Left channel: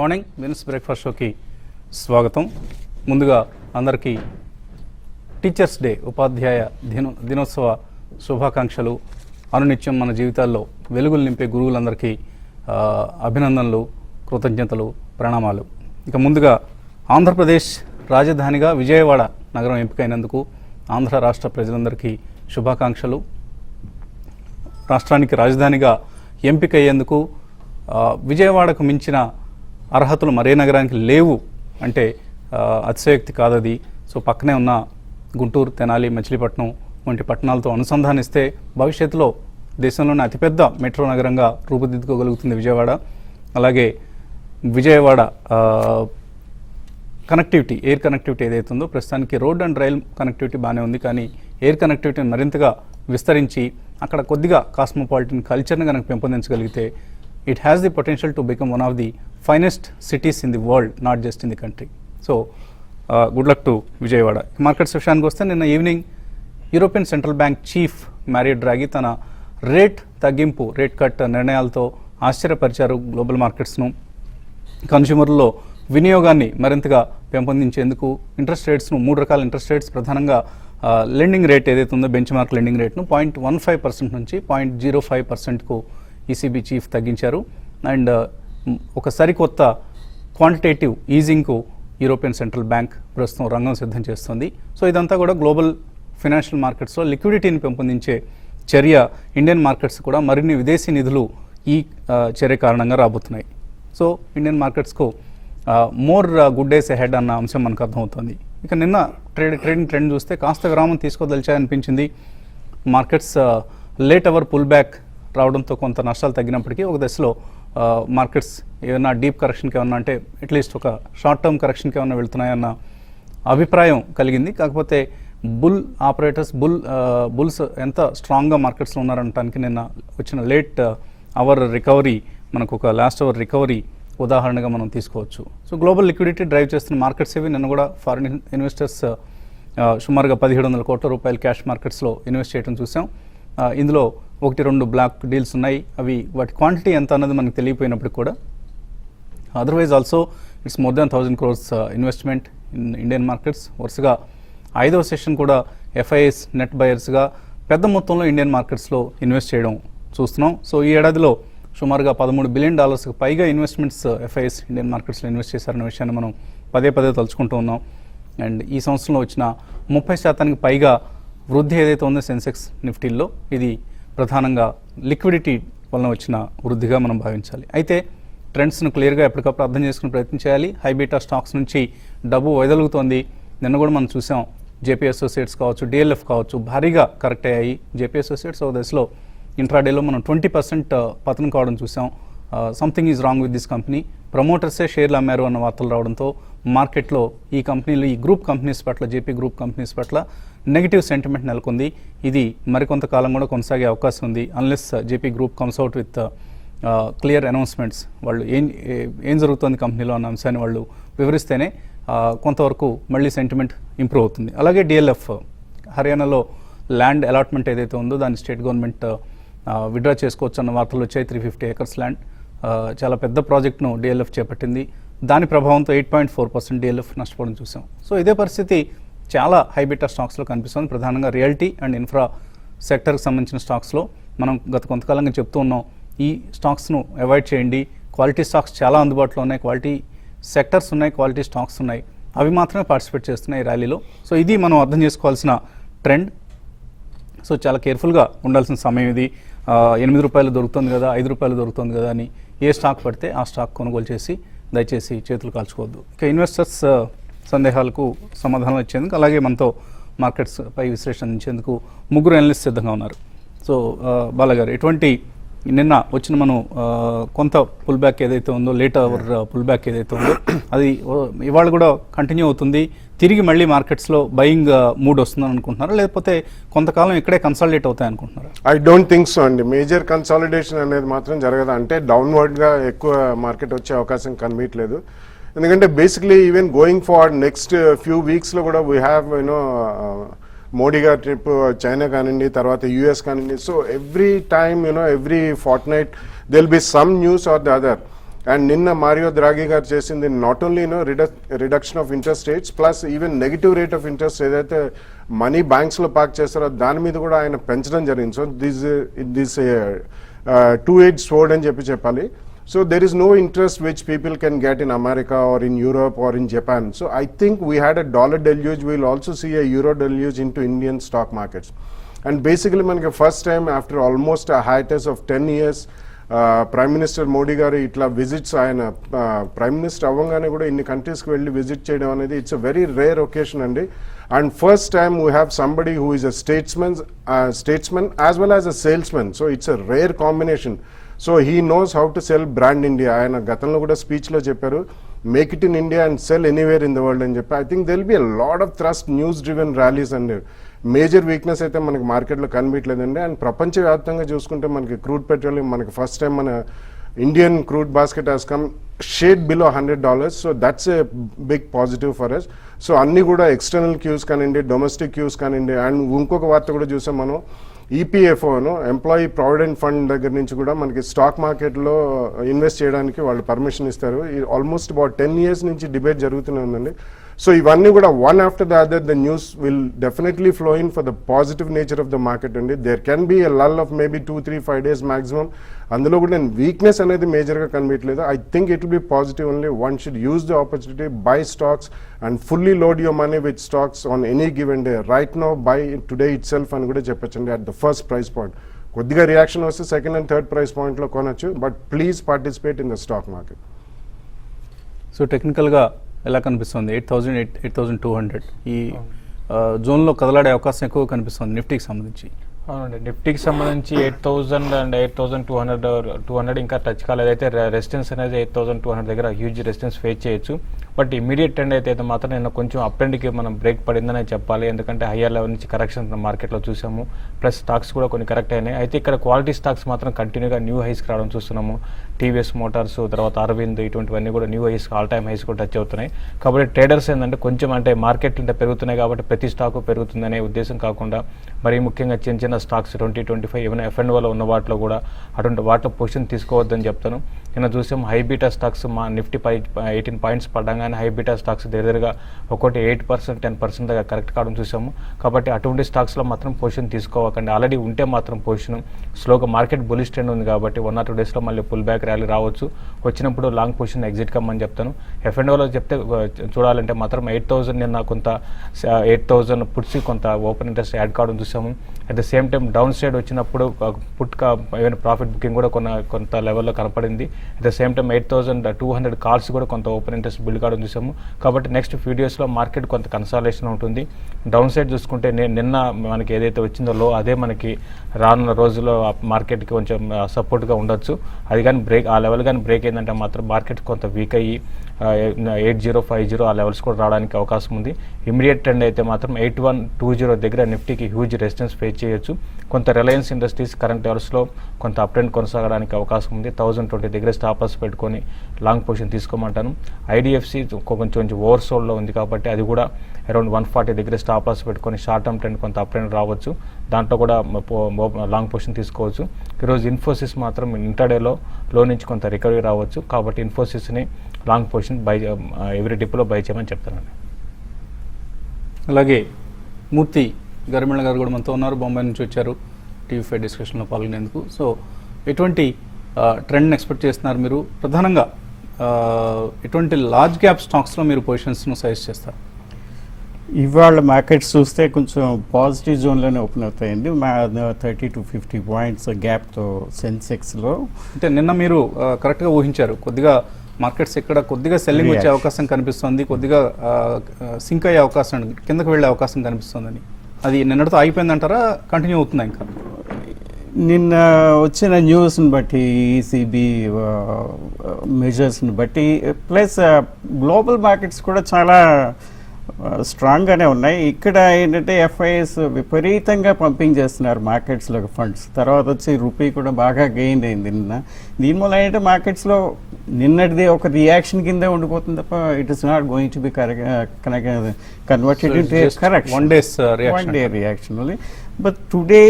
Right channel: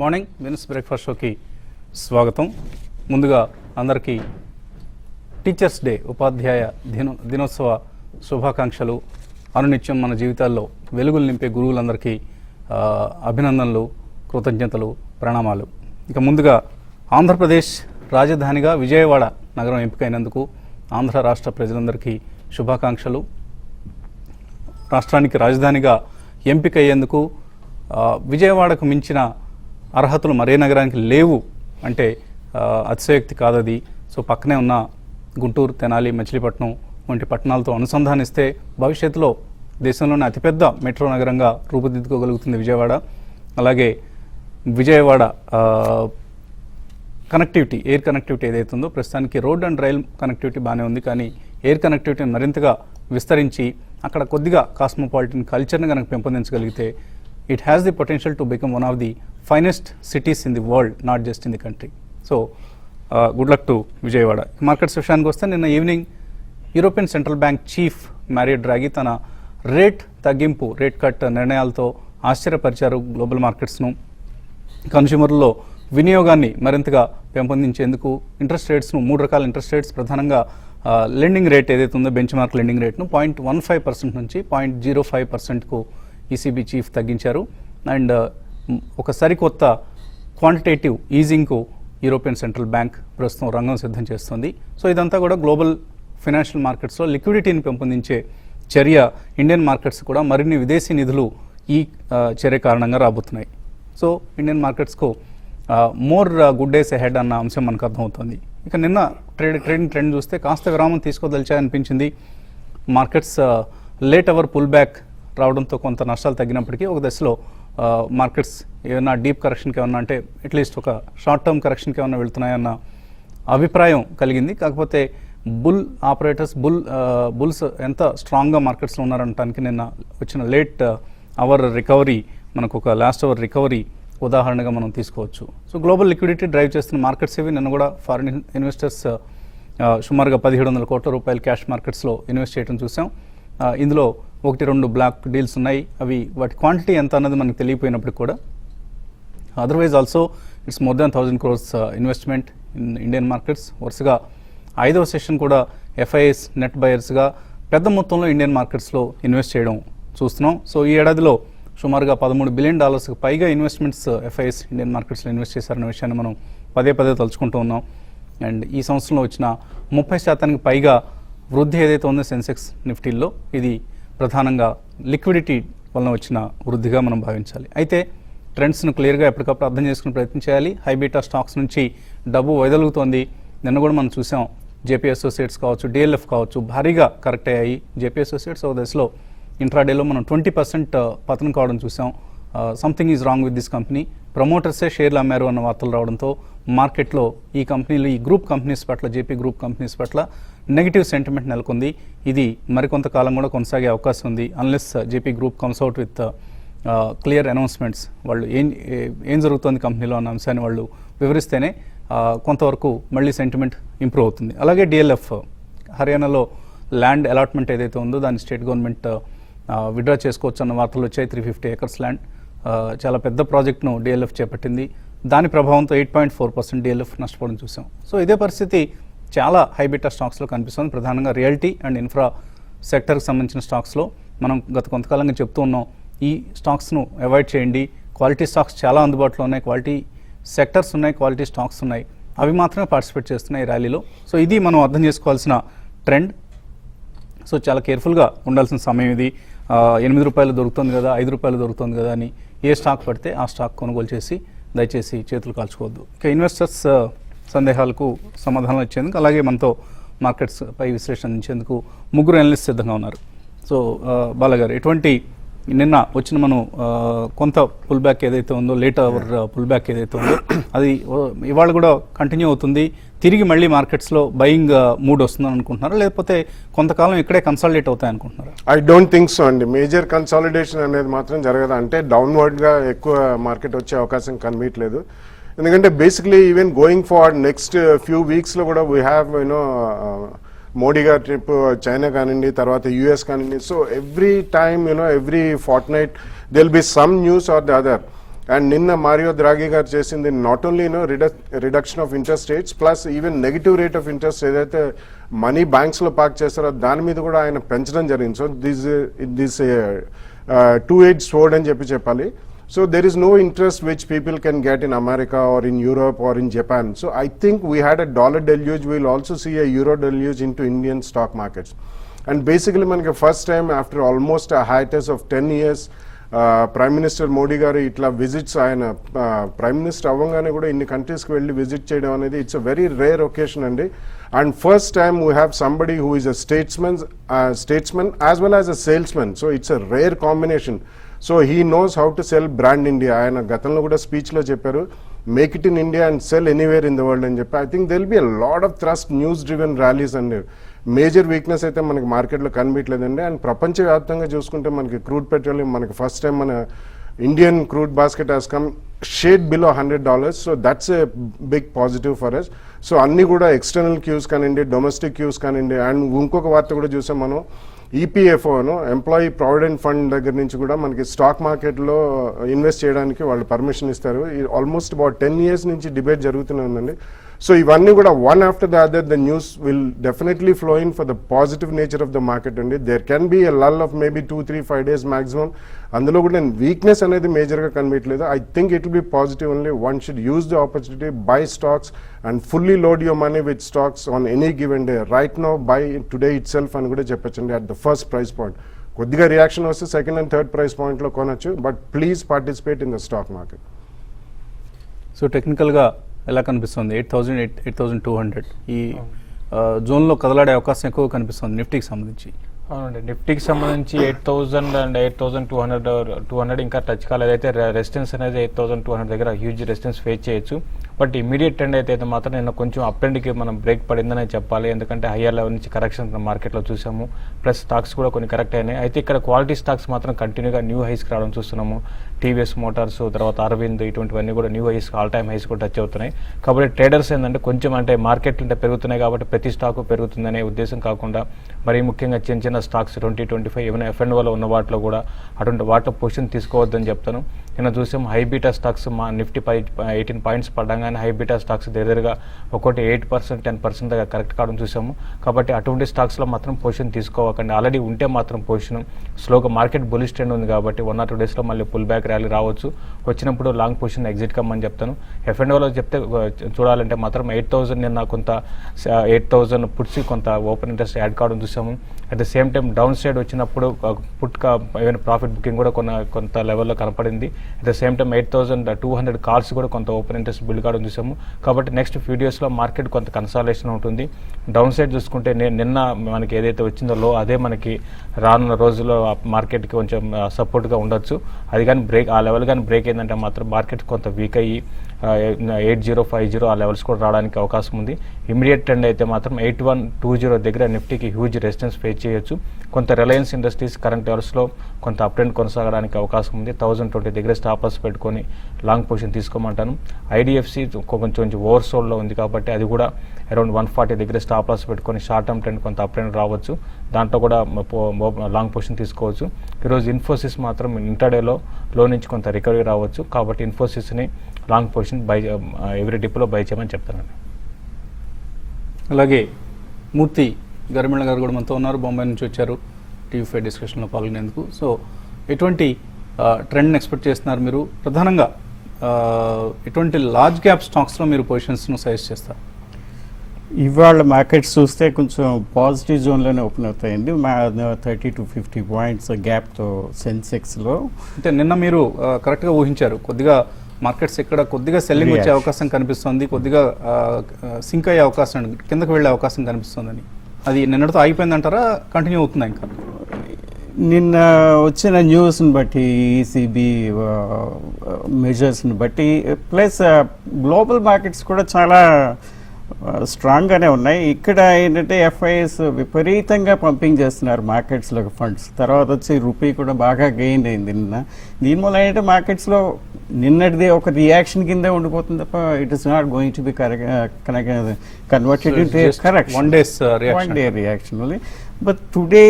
Morning Venus breakfast షోకి స్వాగతం. ముందుగా అందరికీ టీచర్స్ డే, ఉపాధ్యాయ దినోత్సవ శుభాకాంక్షలు. అనునిత్యం మన జీవితాల్లో వెలుగులు నింపే గురువులందరికీ అభినందనలు, కృతజ్ఞతలు, ప్రణామాలు. ఇక ముందుగా ఆంధ్రప్రదేశ్ రాజధానిగా విజయవాడ నగరం ఎంపికైనందుకు ఆంధ్ర రాష్ట్ర ప్రజలందరికీ శుభాకాంక్షలు. రాష్ట్రానికి రాజధానిగా ఎంపికయ్యేందుకు విజయవాడకు మించిన అర్హతలు మరే నగరానికి లేవు అంటే అతిశయోక్తి కాదది. సో పక్కనే ఉన్న గుంటూరు, తెనాలి, మచిలీపట్నం వంటి పట్టణాలతో అనుసంధానిస్తే భవిష్యత్తులో దేశంలోని అతిపెద్ద మెట్రో నగరంగా రూపుదిద్దుకోగలుగుతుంది విజయవాడ. అలాగే విజయవాడ కనెక్టివిటీ, ఎయిర్ కనెక్టివిటీ ఏదైతే ఉందో, ప్రస్తుతానికి రోడ్ అండ్ రైల్ కనెక్టివిటీ బాగానే ఉంది, కానీ ఎయిర్ కనెక్టివిటీని మరింతగా విస్తరించి అక్కడ కొద్దిగా కాస్మోపాలిటన్ కల్చర్ని కనుక పెంపొందించగలిగితే it has the potential to become one of the finest cities in the world, not just in the country. So good luck to Vijayawada. Markets విషయానికి వస్తే నిన్న evening European central bank chief Mario Draghi తన rate cut నిర్ణయాలతో ఆశ్చర్యపరిచారు global మార్కెట్స్ను. కన్స్యూమర్లో వినియోగాన్ని మరింతగా పెంపొందించేందుకు interest రేట్స్ను, 3 రకాల ఇంట్రెస్ట్ రేట్స్, ప్రధానంగా లెండింగ్ రేట్ ఏదైతే ఉందో బెంచ్ మార్క్ లెండింగ్ రేట్ను 0.15% నుంచి 0.05%కు ఈసీబీ చీఫ్ తగ్గించారు. అండ్ ఒక సరికొత్త క్వాంటిటేటివ్ ఈజింగ్కు యూరోపియన్ సెంట్రల్ బ్యాంక్ ప్రస్తుతం రంగం సిద్ధం చేస్తుంది. సో ఇదంతా కూడా గ్లోబల్ ఫైనాన్షియల్ మార్కెట్స్లో లిక్విడిటీని పెంపొందించే చర్య. ఇండియన్ మార్కెట్స్ కూడా మరిన్ని విదేశీ నిధులు ఈ చర్య కారణంగా రాబోతున్నాయి. సో ఇండియన్ మార్కెట్స్కు మోర్ గుడ్ డేస్ అహెడ్ అన్న అంశం మనకు అర్థమవుతుంది. ఇక నిన్న ట్రేడింగ్ ట్రెండ్ చూస్తే కాస్త విరామం తీసుకోదలిచాయనిపించింది. Markets late hour pull back రావడంతో కొంత నష్టాలు తగ్గినప్పటికీ ఒక దశలో మార్కెట్స్ ఏమైనా డీప్ కరెక్షన్కి ఏమన్నా, అంటే అట్లీస్ట్ ఒక షార్ట్ టర్మ్ కరెక్షన్కి ఏమైనా వెళ్తున్నాయన్న అభిప్రాయం కలిగింది. కాకపోతే బుల్స్ ఎంత స్ట్రాంగ్గా మార్కెట్స్లో ఉన్నారనడానికి నిన్న వచ్చిన లేట్ అవర్ రికవరీ మనకు ఒక లాస్ట్ అవర్ రికవరీ ఉదాహరణగా మనం తీసుకోవచ్చు. సో గ్లోబల్ లిక్విడిటీ డ్రైవ్ చేస్తున్న మార్కెట్స్ ఇవి. నిన్న కూడా ఫారిన్ ఇన్వెస్టర్స్ సుమారుగా 1700 కోట్ల రూపాయలు క్యాష్ మార్కెట్స్లో ఇన్వెస్ట్ చేయడం చూసాం. ఇందులో 1-2 బ్లాక్ డీల్స్ ఉన్నాయి. అవి వాటి క్వాంటిటీ ఎంత అన్నది మనకు తెలియపోయినప్పుడు కూడా otherwise also it's more than 1000 crores investment in Indian markets. వరుసగా 5వ సెషన్ కూడా ఎఫ్ఐఎస్ నెట్ బయర్స్గా పెద్ద మొత్తంలో ఇండియన్ మార్కెట్స్లో ఇన్వెస్ట్ చేయడం చూస్తున్నాం. సో ఈ ఏడాదిలో సుమారుగా $13 బిలియన్ పైగా ఇన్వెస్ట్మెంట్స్ ఎఫ్ఐఎస్ ఇండియన్ మార్కెట్స్లో ఇన్వెస్ట్ చేశారన్న విషయాన్ని మనం పదే తలుచుకుంటూ ఉన్నాం. అండ్ ఈ సంవత్సరంలో వచ్చిన 30% పైగా వృద్ధి ఏదైతే ఉందో సెన్సెక్స్ నిఫ్టీల్లో, ఇది ప్రధానంగా లిక్విడిటీ వలన వచ్చిన వృద్ధిగా మనం భావించాలి. అయితే ట్రెండ్స్ను క్లియర్గా ఎప్పటికప్పుడు అర్థం చేసుకుని ప్రయత్నం చేయాలి. హైబీటా స్టాక్స్ నుంచి డబ్బు వైదొలుగుతోంది. నిన్న కూడా మనం చూసాం, జేపీ అసోసియేట్స్ కావచ్చు, డిఎల్ఎఫ్ కావచ్చు, భారీగా కరెక్ట్ అయ్యాయి. జేపీ అసోసియేట్స్ ఒక దశలో ఇంట్రాడేలో మనం 20% పతనం కావడం చూసాం. Something is wrong with this company. ప్రమోటర్సే షేర్లు అమ్మారు అన్న వార్తలు రావడంతో మార్కెట్లో ఈ కంపెనీలు, ఈ గ్రూప్ కంపెనీస్ పట్ల, జేపీ గ్రూప్ కంపెనీస్ పట్ల నెగిటివ్ సెంటిమెంట్ నెలకొంది. ఇది మరికొంతకాలం కూడా కొనసాగే అవకాశం ఉంది, unless JP group comes out with clear announcements. వాళ్ళు ఏం జరుగుతుంది కంపెనీలో అన్న అంశాన్ని వాళ్ళు వివరిస్తేనే కొంతవరకు మళ్ళీ సెంటిమెంట్ ఇంప్రూవ్ అవుతుంది. అలాగే డిఎల్ఎఫ్ హర్యానాలో ల్యాండ్ అలాట్మెంట్ ఏదైతే ఉందో దాన్ని స్టేట్ గవర్నమెంట్ విడ్రా చేసుకోవచ్చు అన్న వార్తలు వచ్చాయి. 350 acres ల్యాండ్, చాలా పెద్ద ప్రాజెక్ట్ను డిఎల్ఎఫ్ చేపట్టింది. దాని ప్రభావంతో 8.4% డిఎల్ఎఫ్ నష్టపోవడం చూసాం. సో ఇదే పరిస్థితి చాలా హైబీటా స్టాక్స్లో కనిపిస్తుంది. ప్రధానంగా రియల్టీ అండ్ ఇన్ఫ్రా సెక్టర్కి సంబంధించిన స్టాక్స్లో మనం గత కొంతకాలంగా చెప్తూ ఉన్నాం, ఈ స్టాక్స్ను అవాయిడ్ చేయండి. క్వాలిటీ స్టాక్స్ చాలా అందుబాటులో ఉన్నాయి, క్వాలిటీ సెక్టర్స్ ఉన్నాయి, క్వాలిటీ స్టాక్స్ ఉన్నాయి, అవి మాత్రమే పార్టిసిపేట్ చేస్తున్నాయి ఈ ర్యాలీలో. సో ఇది మనం అర్థం చేసుకోవాల్సిన ట్రెండ్. సో చాలా కేర్ఫుల్గా ఉండాల్సిన సమయం ఇది. 8 రూపాయలు దొరుకుతుంది కదా, 5 రూపాయలు దొరుకుతుంది కదా అని ఏ స్టాక్ పడితే ఆ స్టాక్ కొనుగోలు చేసి దయచేసి చేతులు కాల్చుకోవద్దు. ఇక ఇన్వెస్టర్స్ సందేహాలకు సమాధానం ఇచ్చేందుకు, అలాగే మనతో మార్కెట్స్ పై విశ్లేషించేందుకు 3 అనలిస్ట్ సిద్ధంగా ఉన్నారు. సో బాలగారు, ఎటువంటి నిన్న వచ్చిన మనం కొంత పుల్ బ్యాక్ ఏదైతే ఉందో, లేట్ అవర్ పుల్ బ్యాక్ ఏదైతే ఉందో, అది ఇవాళ కూడా కంటిన్యూ అవుతుంది. తిరిగి మళ్ళీ మార్కెట్స్లో బయింగ్ మూడ్ వస్తుందని అనుకుంటున్నారు, లేకపోతే కొంతకాలం ఇక్కడే కన్సాలిడేట్ అవుతాయి అనుకుంటున్నారు? ఐ డోంట్ థింక్ సో అండి. మేజర్ కన్సాలిడేషన్ అనేది మాత్రం జరగదు. అంటే డౌన్వర్డ్గా ఎక్కువ మార్కెట్ వచ్చే అవకాశం కనిపించలేదు. ఎందుకంటే basically even going forward next few వీక్స్లో కూడా వీ హ్యావ్ మోడీ గారి ట్రిప్ చైనా కానివ్వండి, తర్వాత యూఎస్ కానివ్వండి. So every time every fortnight there will be some news or the other. And నిన్న మారియో ద్రాగి గారు చేసింది not only reduction of interest rates plus even negative rate of interest ఏదైతే money banks లో park చేస్తారో దాని మీద కూడా ఆయన పెంచడం జరిగింది. సో దిస్ టూ ఎయిడ్ స్వోర్డ్ అని చెప్పాలి. So there is no interest which people can get in America or in Europe or in Japan. So I think we had a dollar deluge. We will also see a euro deluge into Indian stock markets. And basically, manaki first time after almost a hiatus of 10 years, Prime Minister Modi garu itla visits ayana Prime Minister avangane kuda inni countries ki velli visit cheyadam anedi it's a very rare occasion andi. And first time we have somebody who is a statesman as well as a salesman. So it's a rare combination. So he knows how to sell brand India. ఆయన గతంలో కూడా స్పీచ్లో చెప్పారు make it in India and sell anywhere in the world అని చెప్పి. I think they'll be a lot of thrust news driven rallies అండి. Major weakness అయితే మనకి మార్కెట్లో కనిపించలేదండి. అండ్ ప్రపంచవ్యాప్తంగా చూసుకుంటే మనకి క్రూడ్ పెట్రోలియం మనకి ఫస్ట్ టైం మన Indian crude basket has come shade below $100. So that's a big positive for us. So అన్ని కూడా ఎక్స్టర్నల్ క్యూస్ కానివ్వండి, డొమెస్టిక్ క్యూస్ కానివ్వండి. అండ్ ఇంకొక వార్త కూడా చూసాం మనం ఈపీఎఫ్ఓను ఎంప్లాయీ ప్రావిడెంట్ ఫండ్ దగ్గర నుంచి కూడా మనకి స్టాక్ మార్కెట్లో ఇన్వెస్ట్ చేయడానికి వాళ్ళు పర్మిషన్ ఇస్తారు. ఆల్మోస్ట్ అబౌట్ 10 years నుంచి డిబేట్ జరుగుతూనే ఉందండి. సో ఇవన్నీ కూడా one after the other the news will definitely flow in for the positive nature of the market అండి. There can be a lull of maybe 2-3-5 days maximum. అందులో కూడా weakness అనేది మేజర్గా కనిపించలేదు. I think it will be positive only. One should use the opportunity, buy stocks and fully load your money with stocks on any given day. Right now by today it self అని కూడా చెప్పొచ్చండి at the first price point. కొద్దిగా reaction వస్తే second and third price పాయింట్లో కొనొచ్చు, but please participate in the stock market. So టెక్నికల్గా ఎలా కనిపిస్తుంది 8,200 ఈ జోన్లో కదలాడే అవకాశం ఎక్కువ కనిపిస్తుంది నిఫ్టీకి సంబంధించి? నిఫ్టీకి సంబంధించి 8,000 అండ్ 8,200 ఇంకా టచ్ కాలేదు. అయితే రెసిస్టెన్స్ అనేది 8,200 దగ్గర హ్యూజ్ రెసిస్టెన్స్ ఫేస్ చేయొచ్చు. బట్ ఇమీడియట్ ట్రెండ్ అయితే మాత్రం నేను కొంచెం అప్ ట్రెండ్కి మనం బ్రేక్ పడిందని చెప్పాలి. ఎందుకంటే హయ్యర్ లెవెల్ నుంచి కరెక్షన్ మనం మార్కెట్లో చూసాము. ప్లస్ స్టాక్స్ కూడా కొన్ని కరెక్ట్ అయినాయి. అయితే ఇక్కడ క్వాలిటీ స్టాక్స్ మాత్రం కంటిన్యూగా న్యూ హైస్ రావడం చూస్తున్నాము. టీవీఎస్ మోటార్స్, తర్వాత అరవింద్, ఇటువంటివన్నీ కూడా new highs, all time highs కూడా టచ్ అవుతున్నాయి. కాబట్టి ట్రేడర్స్ ఏంటంటే కొంచెం అంటే మార్కెట్ ఇంత పెరుగుతున్నాయి కాబట్టి ప్రతి స్టాక్ పెరుగుతుందనే ఉద్దేశం కాకుండా మరి ముఖ్యంగా చిన్న చిన్న స్టాక్స్ 20-25 ఈవెన్ F&Oలో ఉన్న వాటిలో కూడా అటువంటి వాటిలో పొజిషన్ తీసుకోవద్దని చెప్తాను. నిన్న చూసాం హైబీటా స్టాక్స్ మా నిఫ్టీ 18 points పడగానే హైబీటా స్టాక్స్ దగ్గరగా ఒకటి 8%, 10% దగ్గర కరెక్ట్ కావడం చూసాము. కాబట్టి అటువంటి స్టాక్స్లో మాత్రం పొజిషన్ తీసుకోవకండి. ఆల్రెడీ ఉంటే మాత్రం పొజిషన్ స్లోగా మార్కెట్ బులిష్ ట్రెండ్ ఉంది కాబట్టి 1 or 2 daysలో మళ్ళీ పుల్ బ్యాక్ ర్యాలీ రావచ్చు. వచ్చినప్పుడు లాంగ్ పొజిషన్ ఎగ్జిట్ కమ్మని చెప్తాను. F&Oలో చెప్తే చూడాలంటే మాత్రం 8,000 నిన్న కొంత 8,000 పుట్స్ కొంత ఓపెన్ ఇంట్రెస్ట్ యాడ్ కావడం చూసాము. At the same time down side వచ్చినప్పుడు ప్రాఫిట్ బుకింగ్ కూడా కొంత లెవెల్లో కనపడింది. At the same time 8,200 calls కూడా కొంత ఓపెన్ ఇంట్రెస్ట్ బిల్డ్ కావడం చూసాము. కాబట్టి నెక్స్ట్ ఫ్యూ డేస్లో మార్కెట్ కొంత కన్సాలేషన్ ఉంటుంది. డౌన్ సైడ్ చూసుకుంటే నిన్న మనకి ఏదైతే వచ్చిందో లో అదే మనకి రానున్న రోజుల్లో మార్కెట్కి కొంచెం సపోర్ట్గా ఉండొచ్చు. అది కానీ ఆ లెవెల్ కానీ బ్రేక్ అయిందంటే మాత్రం మార్కెట్ కొంత వీక్ అయ్యి 8050 ఆ లెవెల్స్ కూడా రావడానికి అవకాశం ఉంది. ఇమీడియట్ ట్రెండ్ అయితే మాత్రం 8120 దగ్గర నిఫ్టీకి హ్యూజ్ రెసిస్టెన్స్ ఫేస్ చేయొచ్చు. కొంత రిలయన్స్ ఇండస్ట్రీస్ కరెంట్ లెవెల్స్లో కొంత అప్ ట్రెండ్ కొనసాగడానికి అవకాశం ఉంది. 1020 దగ్గర స్టాప్ లాస్ పెట్టుకొని లాంగ్ పొజిషన్ తీసుకోమంటాను. ఐడిఎఫ్సి కొంచెం ఓవర్ సోల్డ్లో ఉంది కాబట్టి అది కూడా అరౌండ్ 140 దగ్గర స్టాప్ లాస్ పెట్టుకొని షార్ట్ టర్మ్ ట్రెండ్ కొంత అప్ ట్రెండ్ రావచ్చు. దాంట్లో కూడా లాంగ్ పొజిషన్ తీసుకోవచ్చు. ఈరోజు ఇన్ఫోసిస్ మాత్రం ఇంటర్డేలో లో నుంచి కొంత రికవరీ రావచ్చు. కాబట్టి ఇన్ఫోసిస్ని లాంగ్ పొజిషన్ ఎవ్రీ డిప్లో బై చేయమని చెప్తానండి. అలాగే మూర్తి గరిమిళ్ళ గారు కూడా మనతో ఉన్నారు, బొంబాయి నుంచి వచ్చారు TV5 డిస్కషన్లో పాల్గొనేందుకు. సో ఎటువంటి ట్రెండ్ని ఎక్స్పెక్ట్ చేస్తున్నారు మీరు? ప్రధానంగా ఎటువంటి లార్జ్ క్యాప్ స్టాక్స్లో మీరు పొజిషన్స్ను సజెస్ట్ చేస్తారు? ఇవాళ మార్కెట్స్ చూస్తే కొంచెం పాజిటివ్ జోన్లోనే ఓపెన్ అవుతాయండి. 30-50 points గ్యాప్తో సెన్సెక్స్లో. అంటే నిన్న మీరు కరెక్ట్గా ఊహించారు, కొద్దిగా మార్కెట్స్ ఇక్కడ కొద్దిగా సెల్లింగ్ వచ్చే అవకాశం కనిపిస్తుంది, కొద్దిగా సింక్ అయ్యే అవకాశం, కిందకు వెళ్ళే అవకాశం కనిపిస్తుందని. అది నిన్నటితో అయిపోయిందంటారా, కంటిన్యూ అవుతుందా ఇంకా? నిన్న వచ్చిన న్యూస్ని బట్టి, ఈసీబీ మెజర్స్ని బట్టి, ప్లస్ గ్లోబల్ మార్కెట్స్ కూడా చాలా స్ట్రాంగ్గానే ఉన్నాయి. ఇక్కడ ఏంటంటే ఎఫ్ఐఎస్ విపరీతంగా పంపింగ్ చేస్తున్నారు మార్కెట్స్లోకి ఫండ్స్. తర్వాత వచ్చి రూపీ కూడా బాగా గెయిన్ అయింది నిన్న. దీనివల్ల ఏంటంటే మార్కెట్స్లో నిన్నటిది ఒక రియాక్షన్ కింద ఉండిపోతుంది తప్ప it is not going to be converted reaction only. But today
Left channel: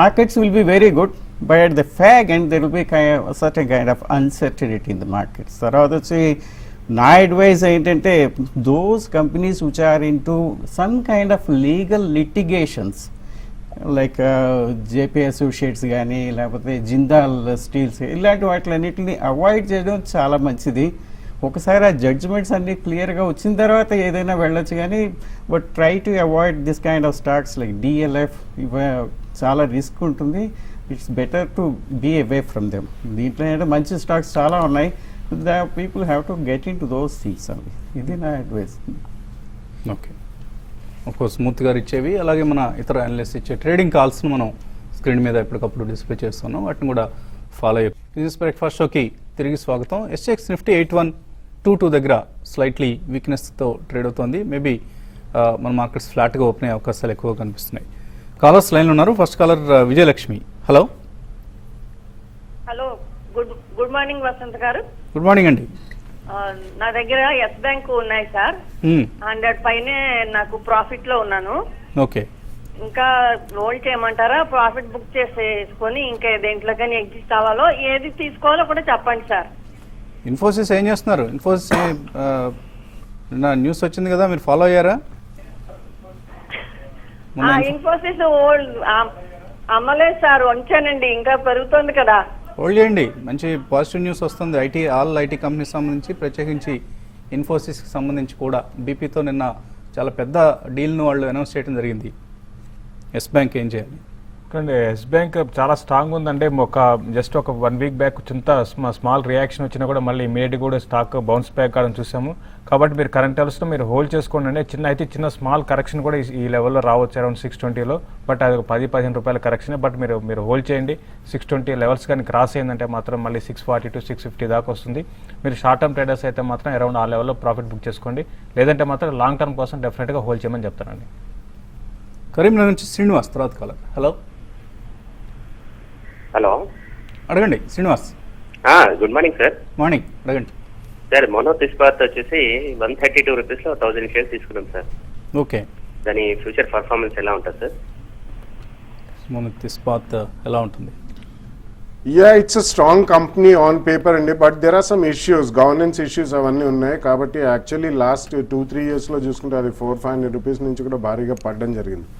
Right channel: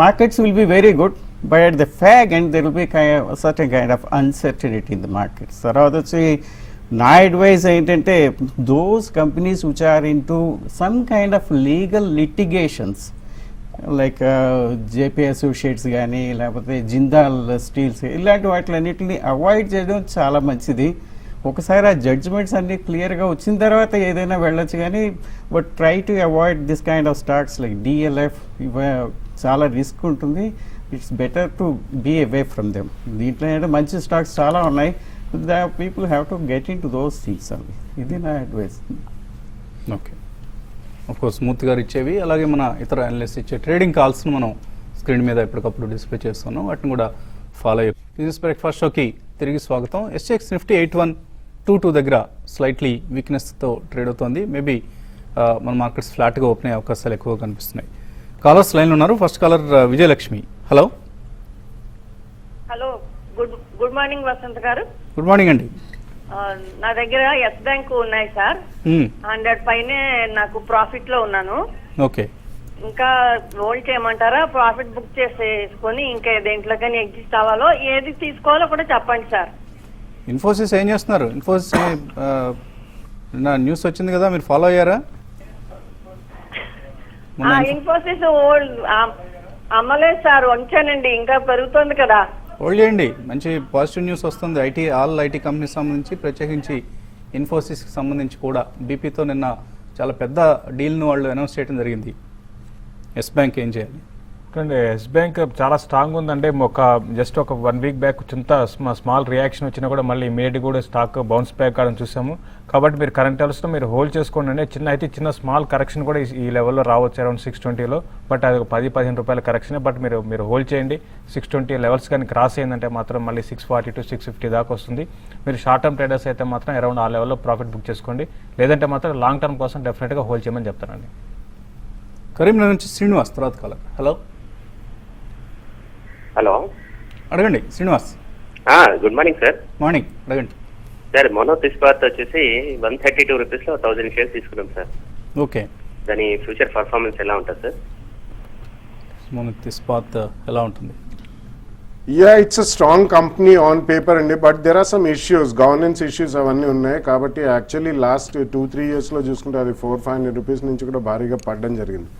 markets will be very good. but at the fag end there will be a certain kind of uncertainty in the markets. తర్వాత వచ్చి నా advice ఏంటంటే those companies which are into some kind of legal litigations like JP associates కానీ లేకపోతే Jindal steels ఇలాంటి వాటిలన్నిటిని avoid చేయడం చాలా మంచిది. ఒకసారి ఆ జడ్జ్మెంట్స్ అన్ని క్లియర్గా వచ్చిన తర్వాత ఏదైనా వెళ్ళొచ్చు కానీ but try to avoid this kind of stocks like DLF చాలా రిస్క్ ఉంటుంది. It's better to be away from them. దీంట్లో ఏంటంటే మంచి స్టాక్స్ చాలా ఉన్నాయి. People have to get in to those things అండి. ఇది నా అడ్వైస్. ఓకే, కోర్స్ స్మూత్ గారు ఇచ్చేవి అలాగే మన ఇతర అనలిస్ట్ ఇచ్చే ట్రేడింగ్ కాల్స్ను మనం స్క్రీన్ మీద ఎప్పటికప్పుడు డిస్ప్లే చేస్తున్నాం, వాటిని కూడా ఫాలో అయ్యి. బిజినెస్ బ్రేక్ఫాస్ట్ షోకి తిరిగి స్వాగతం. SGX నిఫ్టీ 8122 దగ్గర స్లైట్లీ వీక్నెస్తో ట్రేడ్ అవుతోంది. మేబీ మన మార్కెట్స్ ఫ్లాట్గా ఓపెన్ అయ్యే అవకాశాలు ఎక్కువ కనిపిస్తున్నాయి. కాలర్స్ లైన్ ఉన్నారు. First caller Vijayalakshmi. Hello hello, good morning Vasant గారు. గుడ్ మార్నింగ్ అండి. నా దగ్గర ఎస్ బ్యాంక్ ఉన్నాయి సార్. 100 పైనే నాకు ప్రాఫిట్ లో ఉన్నాను. ఓకే, ఇంకా హోల్డ్ చేయమంటారా? ప్రాఫిట్ బుక్ చేసేసుకొని ఇంకా దేంట్లో కానీ ఎగ్జిస్ట్ అవ్వాలో ఏది తీసుకోవాలో కూడా చెప్పండి సార్. ఇన్ఫోసిస్ ఏం చేస్తున్నారు? ఇన్ఫోసిస్ నిన్న న్యూస్ వచ్చింది కదా, మీరు ఫాలో అయ్యారా? ఇన్ఫోసిస్ హోల్డ్ అమ్మలేదు సార్, ఉంచానండి. ఇంకా పెరుగుతుంది కదా. హోల్డ్ చేయండి, మంచి పాజిటివ్ న్యూస్ వస్తుంది. ఆల్ ఐటీ కంపెనీస్ సంబంధించి, ప్రత్యేకించి ఇన్ఫోసిస్కి సంబంధించి కూడా బీపీతో నిన్న చాలా పెద్ద డీల్ను వాళ్ళు అనౌన్స్ చేయడం జరిగింది. ఎస్ బ్యాంక్ ఏం చేయాలి? కానీ ఎస్ బ్యాంక్ చాలా స్ట్రాంగ్ ఉందంటే జస్ట్ ఒక 1 వీక్ బ్యాక్ చింత స్మాల్ రియాక్షన్ వచ్చినా కూడా మళ్ళీ ఇమీడియట్ కూడా స్టాక్ బౌన్స్ బ్యాక్ అని చూసాము. కాబట్టి మీరు కరెంట్ అవర్స్లో మీరు హోల్డ్ చేసుకోండి. చిన్న స్మాల్ కరెక్షన్ కూడా ఈ లెవెల్లో రావచ్చు, అరౌండ్ 620లో. బట్ అది 10-15 రూపాయల కరెక్షన్. బట్ మీరు హోల్డ్ చేయండి. 620 లెవెల్స్ కానీ క్రాస్ అయిందంటే మాత్రం మళ్ళీ 640 to 650 దాకా వస్తుంది. మీరు షార్ట్ టర్మ్ ట్రేడర్స్ అయితే మాత్రం అరౌండ్ ఆ లెవెల్లో ప్రాఫిట్ బుక్ చేసుకోండి. లేదంటే మాత్రం లాంగ్ టర్మ్ కోసం డెఫినెట్గా హోల్డ్ చేయమని చెప్తానండి. కరీంనగర్ నుంచి శ్రీనివాస్ తర్వాత కాలర్. హలో హలో, అడగండి Srinivas. Good morning sir. Morning, అడగండి సార్. మోనోత్ ఇస్పాత్ వచ్చేసి 132 రూపీస్లో 1000 షేర్స్ తీసుకున్నాం సార్. ఓకే, దాని ఫ్యూచర్ పర్ఫార్మెన్స్ ఎలా ఉంటుంది సార్? మోనోత్ ఇస్పాత్ ఎలా ఉంటుంది? Yeah, it's a strong company on paper అండి, but there are some issues, governance issues అవన్నీ ఉన్నాయి. కాబట్టి యాక్చువల్లీ లాస్ట్ 2-3 years లో చూసుకుంటే అది 400-500 రూపీస్ నుంచి కూడా భారీగా పడడం జరిగింది.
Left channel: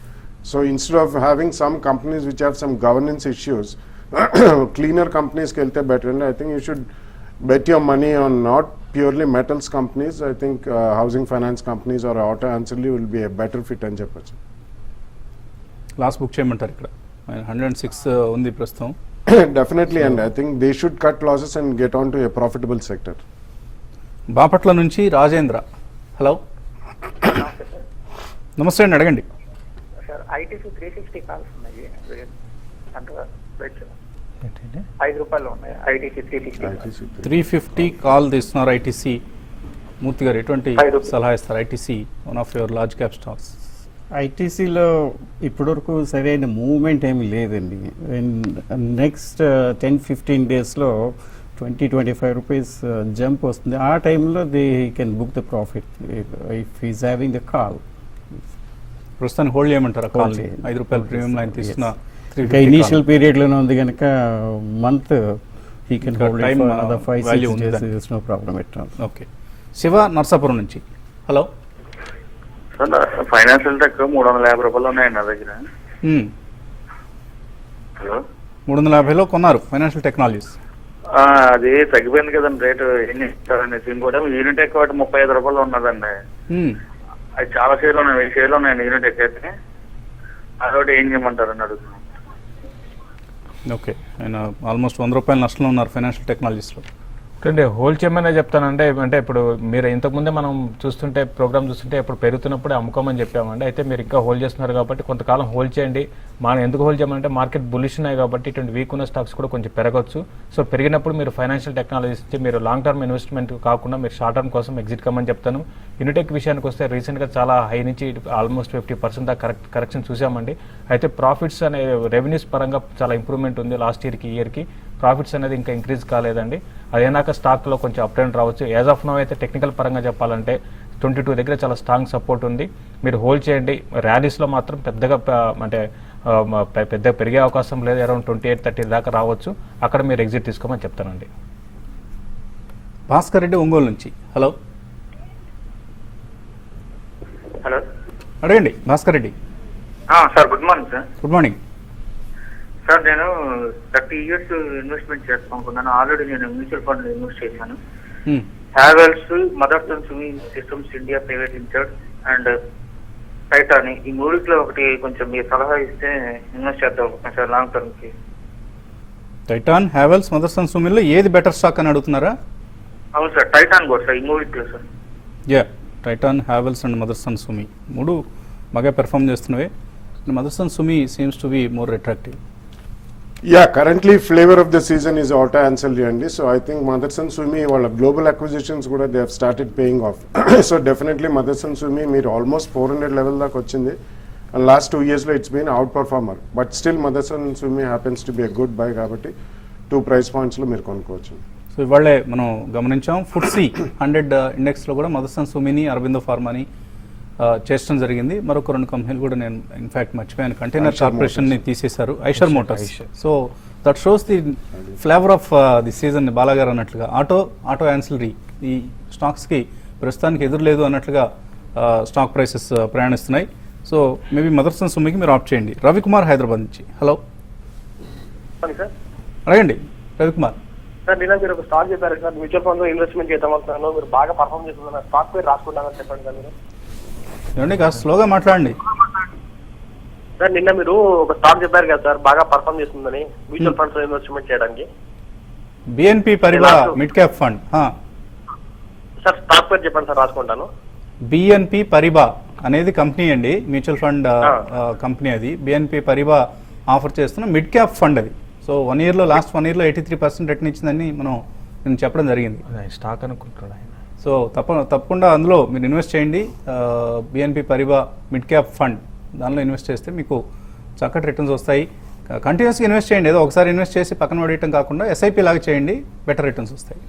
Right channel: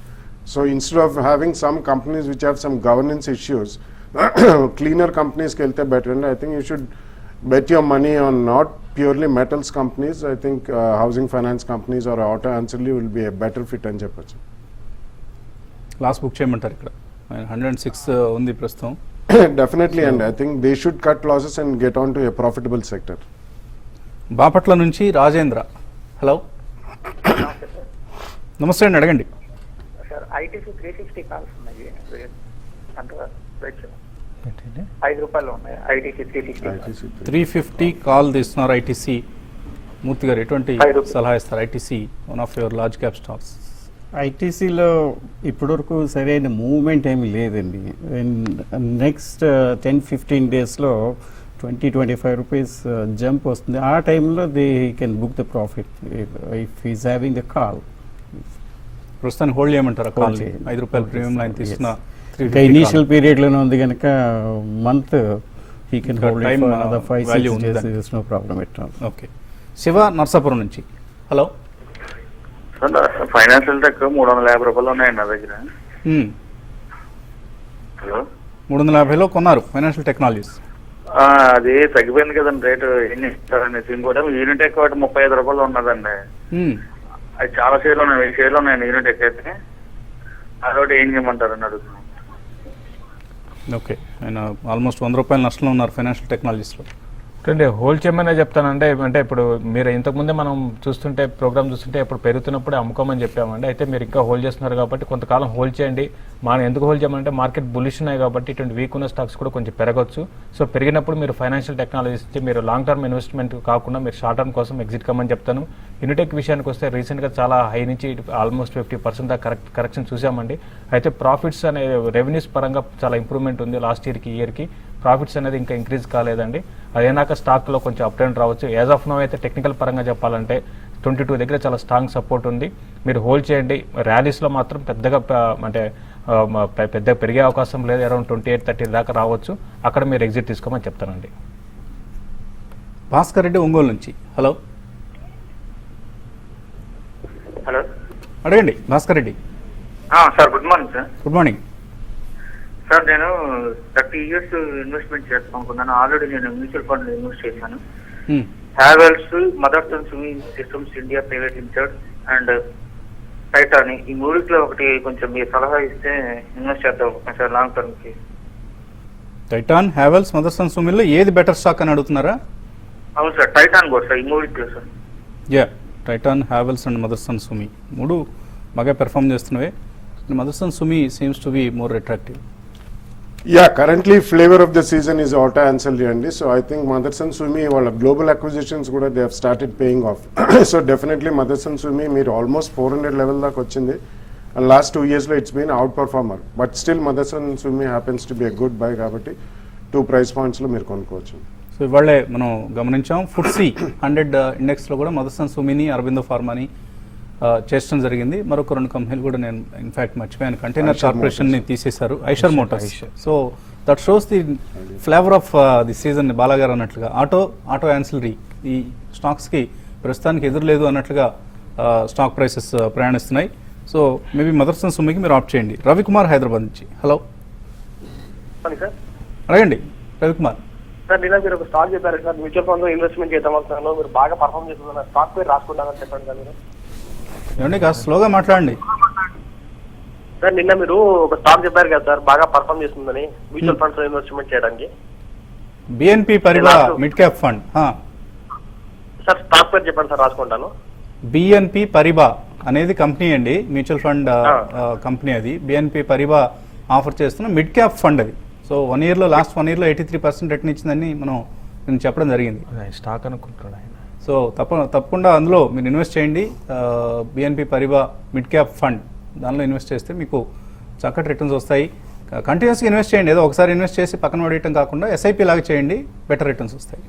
So instead of having some companies which have some governance issues, cleaner కంపెనీస్కి వెళ్తే బెటర్ అండి. I think you should bet your money on not purely metals companies. I think housing finance companies or auto ancillary will be a better fit అని చెప్పచ్చు. Last book చేయమంటారు? ఇక్కడ 106 ఉంది ప్రస్తుతం. Definitely, and I think they should cut losses and get on to a profitable sector. Bapatla నుంచి Rajendra. Hello నమస్తే అండి, అడగండి. ఐటీసీ 360 కాల్స్ ఉన్నాయి, 5 రూపాయలు ఉన్నాయి. ఐటీసీ 350 కాల్ తీస్తున్నారు ఐటీసీ. మూర్తి గారు ఎటువంటి సలహా ఇస్తారు? ITC one of your large cap stocks. ఐటీసీలో ఇప్పటివరకు సరైన మూవ్మెంట్ ఏమీ లేదండి. నెక్స్ట్ 10-15 డేస్లో 20-25 రూపీస్ జంప్ వస్తుంది. ఆ టైంలో they can book the profit if is having a call. ప్రస్తుతానికి హోల్డ్ చేయమంటారా? కాల్ 5 రూపాయల ప్రీమియం లైన్ తీస్తున్న ఇంకా ఇనీషియల్ పీరియడ్లోనే ఉంది కనుక మంత్ హీ కెన్ time, 5-6 ఉంది days, నో ప్రాబ్లం ఎట్లా. ఓకే, శివ నర్సాపురం నుంచి. హలో సార్, ఫైనాన్షియల్ టెక్ 350 రూపాయలు ఉన్నాయి నా దగ్గర. 350లో కొన్నారు ఫైనాన్షియల్ టెక్నాలజీస్. అది తగ్గిపోయింది కదండి రేటు. ఎన్ని ఇస్తారండి? ఇంకోటి యూనిట్ ఎక్కువ 35 రూపాయలు ఉన్నదండి. అది చాలా షేర్లు ఉన్నాయి, షేర్లు ఉన్నాయండి యూనిట్ ఎక్కువ అయితే. అదొకటి ఏం చేయమంటారు అని అడుగుతున్నాను. ఓకే, ఆయన ఆల్మోస్ట్ 100 రూపాయలు నష్టంలో ఉన్నారు ఫైనాన్షియల్ టెక్నాలజీస్లో. అంటే హోల్డ్ చేయమనే చెప్తానండి. అంటే ఇప్పుడు మీరు ఇంతకుముందే మనం చూస్తుంటే ప్రోగ్రామ్ చూస్తుంటే ఇప్పుడు పెరుగుతున్నప్పుడు అమ్ముకోమని చెప్పామండి. అయితే మీరు ఇంకా హోల్డ్ చేస్తున్నారు కాబట్టి కొంతకాలం హోల్డ్ చేయండి. ఎందుకు హోల్డ్ చేయమంటే మార్కెట్ బులిష్ ఉన్నాయి కాబట్టి ఇటువంటి వీక్ ఉన్న స్టాక్స్ కూడా కొంచెం పెరగచ్చు. సో పెరిగినప్పుడు మీరు ఫైనాన్షియల్ టెక్నాలజీస్ మీరు లాంగ్ టర్మ్ ఇన్వెస్ట్మెంట్ కాకుండా మీరు షార్ట్ టర్మ్ కోసం ఎగ్జిట్ కమ్మని చెప్తాను. యూనిటెక్ విషయానికి వస్తే రీసెంట్గా చాలా హై నుంచి ఆల్మోస్ట్ 50% దాకా కరెక్షన్ చూసామండి. అయితే ప్రాఫిట్స్ అనే రెవెన్యూస్ పరంగా చాలా ఇంప్రూవ్మెంట్ ఉంది. లాస్ట్ ఇయర్కి ఈ ఇయర్కి ప్రాఫిట్స్ అనేది ఇంకా ఇంక్రీజ్ కాలేదండి. అదేనాక స్టాక్లో కొంచెం అప్ అండ్ రావచ్చు. యాజ్ ఆఫ్ నో అయితే టెక్నికల్ పరంగా చెప్పాలంటే 22 దగ్గర చాలా స్ట్రాంగ్ సపోర్ట్ ఉంది. మీరు హోల్డ్ చేయండి. ర్యాలీస్లో మాత్రం పెద్దగా అంటే పెద్ద పెరిగే అవకాశం లేదు, అరౌండ్ 28-30 దాకా రావచ్చు. అక్కడ మీరు ఎగ్జిట్ తీసుకోమని చెప్తానండి. భాస్కర్ రెడ్డి ఒంగోలు నుంచి. హలో హలో అడగండి Bhaskar Reddy. Sir, good morning sir. Good morning. Sir, నేను 30 years ఇన్వెస్ట్మెంట్ చేస్తాను అనుకున్నాను. ఆల్రెడీ నేను మ్యూచువల్ ఫండ్ ఇన్వెస్ట్ చేశాను. Havells, Motherson swimming systems India private limited and Titan, ఈ మూడిట్లో ఒకటి కొంచెం మీరు సలహా ఇస్తే ఇన్వెస్ట్ చేద్దాం సార్ లాంగ్ టర్మ్ కి. టైటాన్, హ్యావెల్స్, మదర్సన్ సుమిలో ఏది బెటర్ స్టాక్ అని అడుగుతున్నారా? అవును సార్, టైటాన్ కూడా సార్, ఈ మూడిట్లో sir. Yeah, Titan, Havells and Motherson సుమి మూడు బాగా perform చేస్తున్నవే. Motherson Sumi seems to be more attractive. Yeah, currently flavor of the season is auto ancillary అండి. So I think Motherson Sumi వాళ్ళ global acquisitions కూడా they have started paying off. So definitely Motherson Sumi మీరు almost 400 level దాకా వచ్చింది. And last 2 years లో it's been outperformer. But still Motherson Sumi happens to be a good buy కాబట్టి 2 price points లో మీరు కొనుక్కోవచ్చు. So ఇవాళే మనం గమనించాం FTSE 100 ఇండెక్స్ లో కూడా మదర్సన్ సుమిని, అరవిందో ఫార్మాని చేర్చడం జరిగింది. మరొక 2 కంపెనీలు కూడా నేను ఇన్ఫాక్ట్ మర్చిపోయాను, కంటైనర్ కార్పొరేషన్ ని తీసేశారు, Eicher Motors. So that shows the flavour of the season. బాలాగారు అన్నట్లుగా ఆటో యాన్సిలరీ ఈ స్టాక్స్ కి ప్రస్తుతానికి ఎదురులేదు అన్నట్లుగా స్టాక్ ప్రైసెస్ ప్రయాణిస్తున్నాయి. సో మేబీ మదర్సన్ సుమికి మీరు ఆప్ట్ చేయండి. రవికుమార్ హైదరాబాద్ నుంచి. Hello sir. అడగండి రవికుమార్. సార్, నిన్న మీరు ఒక స్టాక్ చెప్పారు సార్, మ్యూచువల్ ఫండ్ లో ఇన్వెస్ట్మెంట్ చేద్దామంటున్నాను, మీరు బాగా పర్ఫామ్ చేస్తున్నారు, స్టాక్ పై రాసుకుంటానని చెప్పండి సార్. ఏమండి కాస్త స్లోగా మాట్లాడండి. సార్, నిన్న మీరు ఒక స్టాక్ చెప్పారు కదా సార్, బాగా పర్ఫామ్ చేస్తుందని మ్యూచువల్ ఫండ్స్ లో ఇన్వెస్ట్మెంట్ చేయడానికి. BNP Paribas mid cap fund. Sir, stock పేరు చెప్పండి సార్, రాసుకుంటాను. బిఎన్పి పరిబా అనేది కంపెనీ అండి, మ్యూచువల్ ఫండ్ కంపెనీ. అది బిఎన్పి పరిబా ఆఫర్ చేస్తున్న మిడ్ క్యాప్ ఫండ్ అది. సో లాస్ట్ 1 year లో 83% రిటర్న్ ఇచ్చిందని నేను చెప్పడం జరిగింది. స్టాక్ అనుకుంటున్నాను. సో తప్పకుండా అందులో మీరు ఇన్వెస్ట్ చేయండి. BNP Paribas mid cap fund, దానిలో ఇన్వెస్ట్ చేస్తే మీకు చక్కటి రిటర్న్స్ వస్తాయి. కంటిన్యూస్గా ఇన్వెస్ట్ చేయండి, ఏదో ఒకసారి ఇన్వెస్ట్ చేసి పక్కన పడేయటం కాకుండా ఎస్ఐపి లాగా చేయండి, బెటర్ రిటర్న్స్ వస్తాయి.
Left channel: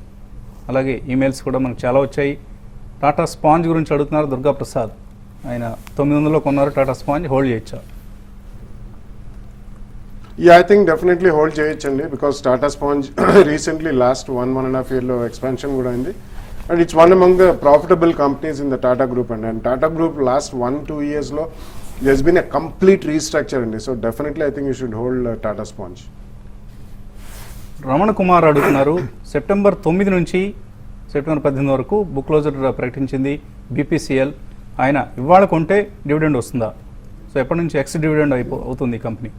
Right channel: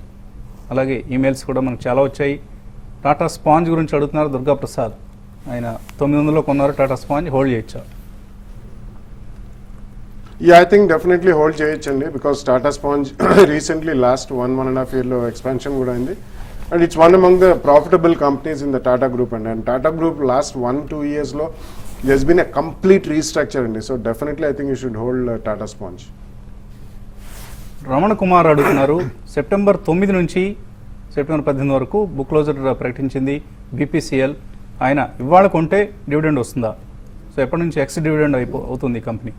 అలాగే ఈమెయిల్స్ కూడా మనకు చాలా వచ్చాయి. టాటా స్పాంజ్ గురించి అడుగుతున్నారు దుర్గా ప్రసాద్. ఆయన 900లో కొన్నారు టాటా స్పాంజ్, హోల్డ్ చేయొచ్చా? Yeah, I think definitely hold చేయొచ్చండి, because Tata Sponge recently last 1.5 year లో expansion కూడా అయింది. And it's one among the profitable companies in the Tata Group. And Tata Group last 1-2 years lo there's been a complete restructure in this. So definitely I think you should hold Tata Sponge. Ramana Kumar అడుగుతున్నారు, September 9 నుంచి September 18 వరకు book closure ప్రకటించింది BPCL. ఆయన ఇవాళ కొంటే dividend వస్తుందా? So ఎప్పటి నుంచి ఎక్స్ డివిడెండ్ అవుతుంది ఈ company?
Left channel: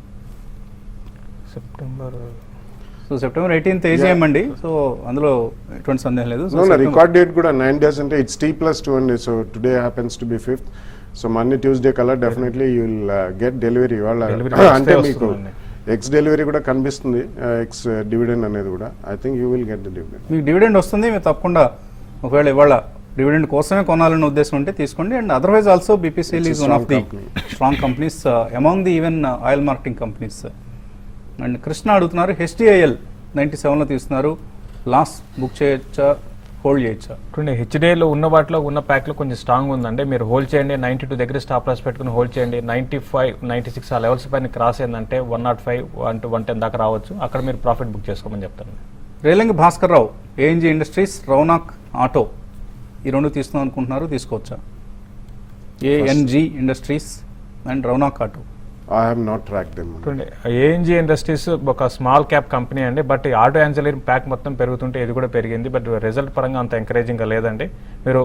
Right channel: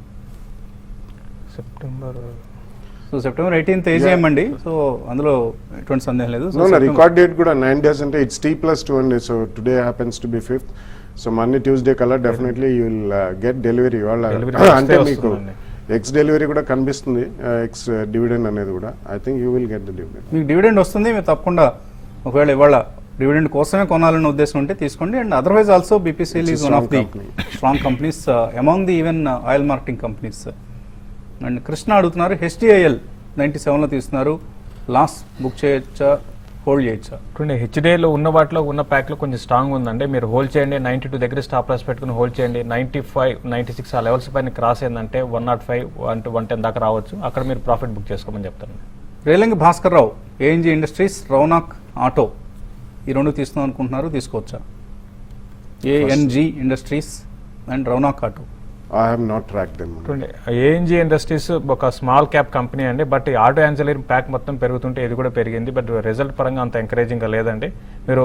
So September 18th AGM అండి. సో అందులో ఎటువంటి సందేహం లేదు. No, రికార్డ్ డేట్ కూడా 9 days అంటే it's T+200. So today happens to be 5th. So Monday, Tuesday కల్లా definitely you will get delivery. అంటే మీకు ఎక్స్ డెలివరీ కూడా కనిపిస్తుంది, ఎక్స్ డివిడెండ్ అనేది కూడా. I think you will get the dividend. మీకు డివిడెండ్ వస్తుంది, మీరు తప్పకుండా ఒకవేళ ఇవాళ డివిడెండ్ కోసమే కొనాలనే ఉద్దేశం ఉంటే తీసుకోండి. And otherwise also BPCL is one of the strong companies among the even oil marketing companies. And Krishna అడుగుతున్నారు, HDIL 97లో తీస్తున్నారు, లాస్ బుక్ చేయొచ్చా, హోల్డ్ చేయొచ్చా? హెచ్డిఐలో ఉన్న వాటిలో ఉన్న ప్యాక్లో కొంచెం స్ట్రాంగ్ ఉందండి, మీరు హోల్డ్ చేయండి. 92 దగ్గర స్టాప్ లాస్ పెట్టుకుని హోల్డ్ చేయండి. 95, 96 ఆ లెవెల్స్ పైన క్రాస్ అయిందంటే 105, 110 దాకా రావచ్చు. అక్కడ మీరు ప్రాఫిట్ బుక్ చేసుకోమని చెప్తాను. రేలింగ్ Bhaskar Rao, ANG industries, Raunaq auto, ఈ 2 తీసుకుందాం అనుకుంటున్నారు, తీసుకోవచ్చా? ANG industries and Raunaq auto. I have not tracked them. ANG industries ఒక స్మాల్ క్యాప్ కంపెనీ అండి, బట్ ఆటో యాన్సిలరీ ప్యాక్ మొత్తం పెరుగుతుంటే ఇది కూడా పెరిగింది. బట్ రిజల్ట్ పరంగా అంత ఎంకరేజింగ్ గా లేదండి, మీరు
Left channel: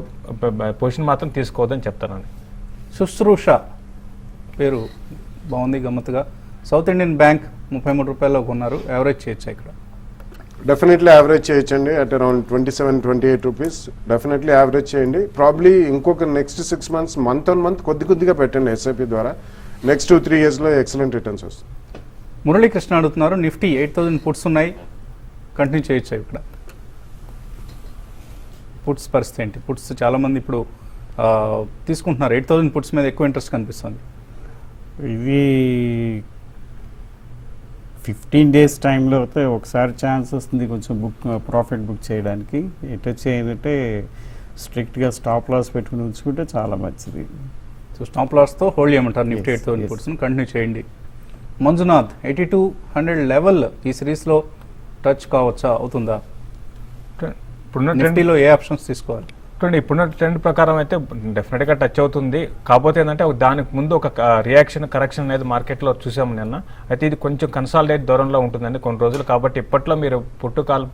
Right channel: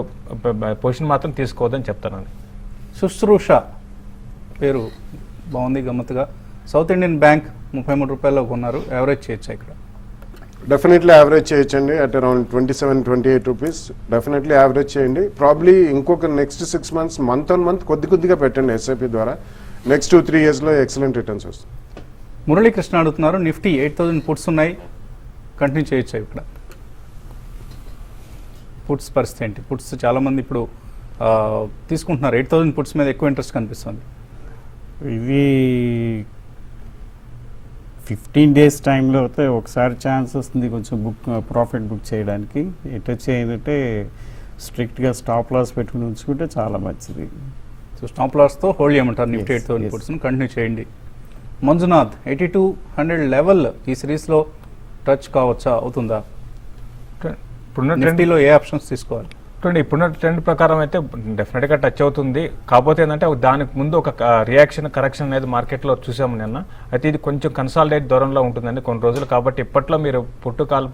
పొజిషన్ మాత్రం తీసుకోవద్దని చెప్తానండి. శుశ్రూష పేరు బాగుంది గమ్మత్తుగా. సౌత్ ఇండియన్ బ్యాంక్ 33 రూపాయల్లో కొన్నారు, యావరేజ్ చేయొచ్చా ఇక్కడ? డెఫినెట్లీ యావరేజ్ చేయొచ్చండి, at around 27-28 rupees. Definitely average చేయండి. ప్రాబ్లీ ఇంకొక next 6 months month on month కొద్దిగా పెట్టండి SIP ద్వారా. నెక్స్ట్ 2-3 years లో ఎక్సలెంట్ రిటర్న్స్ వస్తాయి. మురళీకృష్ణ అడుగుతున్నారు, నిఫ్టీ 8000 పుట్స్ ఉన్నాయి, కంటిన్యూ చేయొచ్చా ఇక్కడ? పుట్స్ పరిస్థితి ఏంటి? పుట్స్ చాలా మంది ఇప్పుడు తీసుకుంటున్నారు, 8000 పుట్స్ మీద ఎక్కువ ఇంట్రెస్ట్ కనిపిస్తుంది. ఇవి 15 days టైంలో అయితే ఒకసారి ఛాన్స్ వస్తుంది కొంచెం ప్రాఫిట్ బుక్ చేయడానికి. ఇట్లా చేయాలంటే స్ట్రిక్ట్గా స్టాప్ లాస్ పెట్టుకుని ఉంచుకుంటే చాలా మంచిది. సో స్టాప్ లాస్తో హోల్డ్ చేయమంటారు నిఫ్టీ 8000 పుట్స్, కంటిన్యూ చేయండి. మంజునాథ్ 8200 లెవెల్ ఈ సిరీస్లో టచ్ కావచ్చా, అవుతుందా? ఇప్పుడున్న ట్రెండ్ నిఫ్టీలో ఏ ఆప్షన్స్ తీసుకోవాలి? ఇప్పుడున్న ట్రెండ్ ప్రకారం అయితే డెఫినెట్ గా టచ్ అవుతుంది. కాకపోతే ఏంటంటే దానికి ముందు ఒక రియాక్షన్ కరెక్షన్ అనేది మార్కెట్ లో చూసాము నిన్న. అయితే ఇది కొంచెం కన్సాలిడేట్ దూరంలో ఉంటుందని కొన్ని రోజులు, కాబట్టి ఇప్పట్లో మీరు పుట్టుకాలు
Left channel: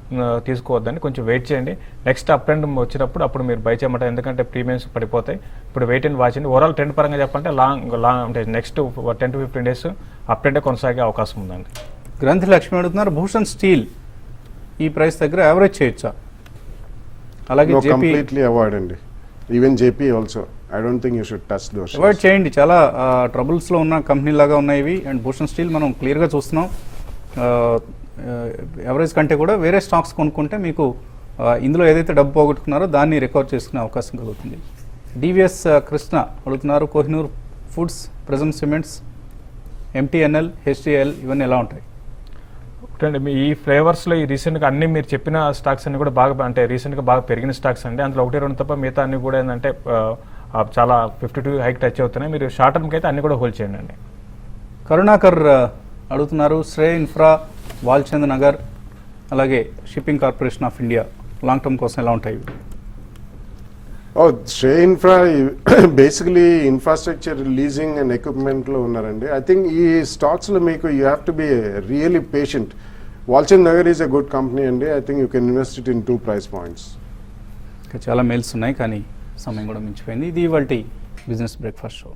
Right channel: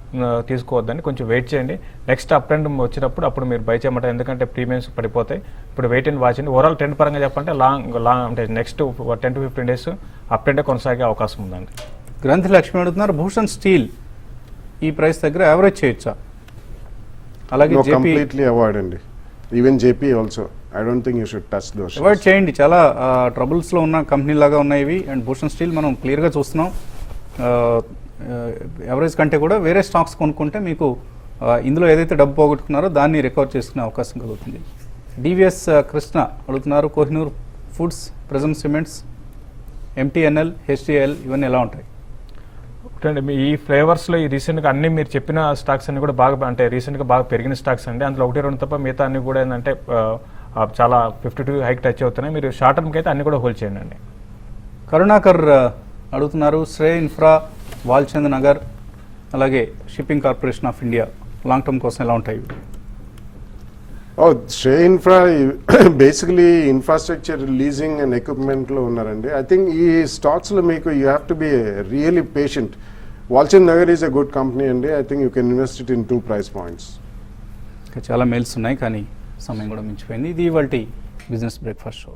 తీసుకోవద్దని కొంచెం వెయిట్ చేయండి. నెక్స్ట్ అప్ ట్రెండ్ వచ్చినప్పుడు అప్పుడు మీరు బై చేయమంటారు, ఎందుకంటే ప్రీమియమ్స్ పడిపోతాయి. ఇప్పుడు wait and watch. Overall trend పరంగా చెప్పంటే లాంగ్ అంటే నెక్స్ట్ 10 to 15 days అప్ ట్రెండే కొనసాగే అవకాశం ఉందండి. గ్రంథి లక్ష్మి అడుగుతున్నారు, భూషణ్ స్టీల్ ఈ ప్రైస్ దగ్గర యావరేజ్ చేయొచ్చా? అలాగే No, జేపీ completely avoid అండి. Even JP also I don't think you should touch those. Avoid చేయండి. చాలా ట్రబుల్స్ లో ఉన్న కంపెనీ లాగా ఉన్నాయి ఇవి. అండ్ భూషణ్ స్టీల్ మనం క్లియర్ గా చూస్తున్నాం, ఎవరేజ్ కంటే కూడా వేరే స్టాక్స్ కొనుక్కుంటే మీకు ఇందులో ఏదైతే డబ్బు పోగొట్టుకున్నారో దాన్ని రికవర్ చేసుకునే అవకాశం కలుగుతుంది. డివిఎస్ కృష్ణ అడుగుతున్నారు, Kohinoor foods, present cements, MTNL, HDL ఇవన్నీ ఎలా ఉంటాయి? అండి మీ ఈ ఫ్లేవర్స్ లో ఈ రీసెంట్ గా అన్ని మీరు చెప్పిన స్టాక్స్ అన్ని కూడా బాగా అంటే రీసెంట్ గా బాగా పెరిగిన స్టాక్స్ అండి. అందులో 1-2 తప్ప మిగతా అన్ని కూడా ఏంటంటే చాలా 52 హైక్ టచ్ అవుతున్నాయి. మీరు షార్ట్ టర్మ్ కి అయితే అన్ని కూడా హోల్డ్ చేయండి అండి. కరుణాకర్ అడుగుతున్నారు, శ్రేయ ఇన్ఫ్రా, వాల్చంద్ నగర్, అలాగే shipping corporation of India long term కోసం ఎలా ఉంటాయి? Shreya infra basically infrastructure leasing and equipment లో ఉన్నారండి. ఐ థింక్ ఈ స్టాక్స్ లో మీకు you have to be really patient. Walchand Nagar is a good company అండి. I think you can invest it in 2 price points. చాలా మెయిల్స్ ఉన్నాయి కానీ సమయం కూడా మించిపోయింది. ఇది ఇవాల్టి బిజినెస్ బ్రేక్ఫాస్ట్ షో.